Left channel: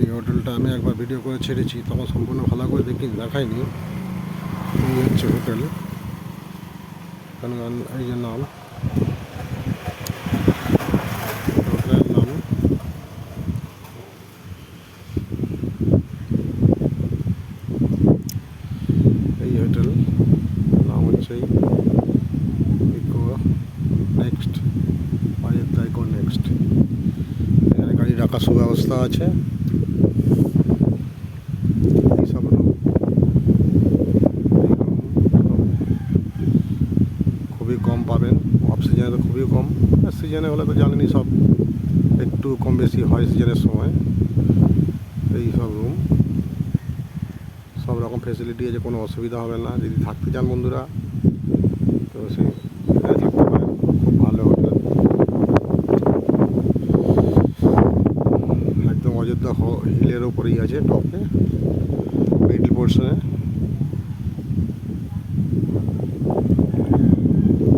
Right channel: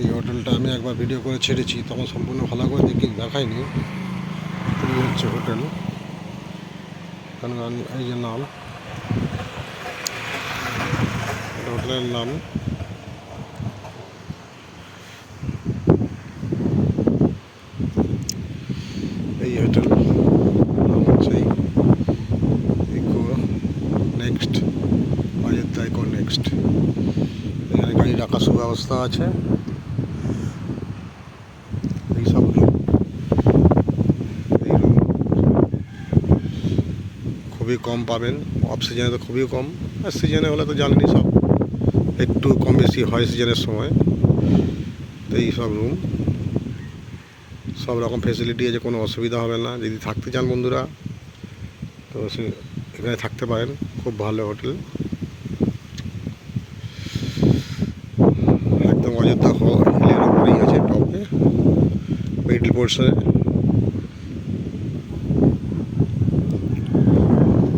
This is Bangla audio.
এই হোটেলটা আমি একবার ভিডিও করে ছেড়েছি, তখন সম্পূর্ণ ভালো করে দেখাইনি। এই হচ্ছে হোটেল, এখানে এই যে নাম, হোটেলের নাম। এই হোটেল নাম হচ্ছে Eco Next, Ayodhya Eco Next. এখানে গাড়ি রাখার সুব্যবস্থা আছে। এইসব রুম, এই রুম খুবই কম পাবেন। অফ সিজনে তো খুবই কম, আর সিজনে হলে তো জানেনি সব একটু কম বেশি হয় সিজনের সময়। তো এই সব রুম, সব রকম ফেসিলিটি আছে, কোনো অসুবিধা হবে না। যদি থাকতে চান বন্ধুরা, তো সে এখানে থাকতে পারেন। খুব ভালো হোটেল, একদম অযোধ্যা হিলের ওপরেই আছে, টপে মিডল পোর্শনে।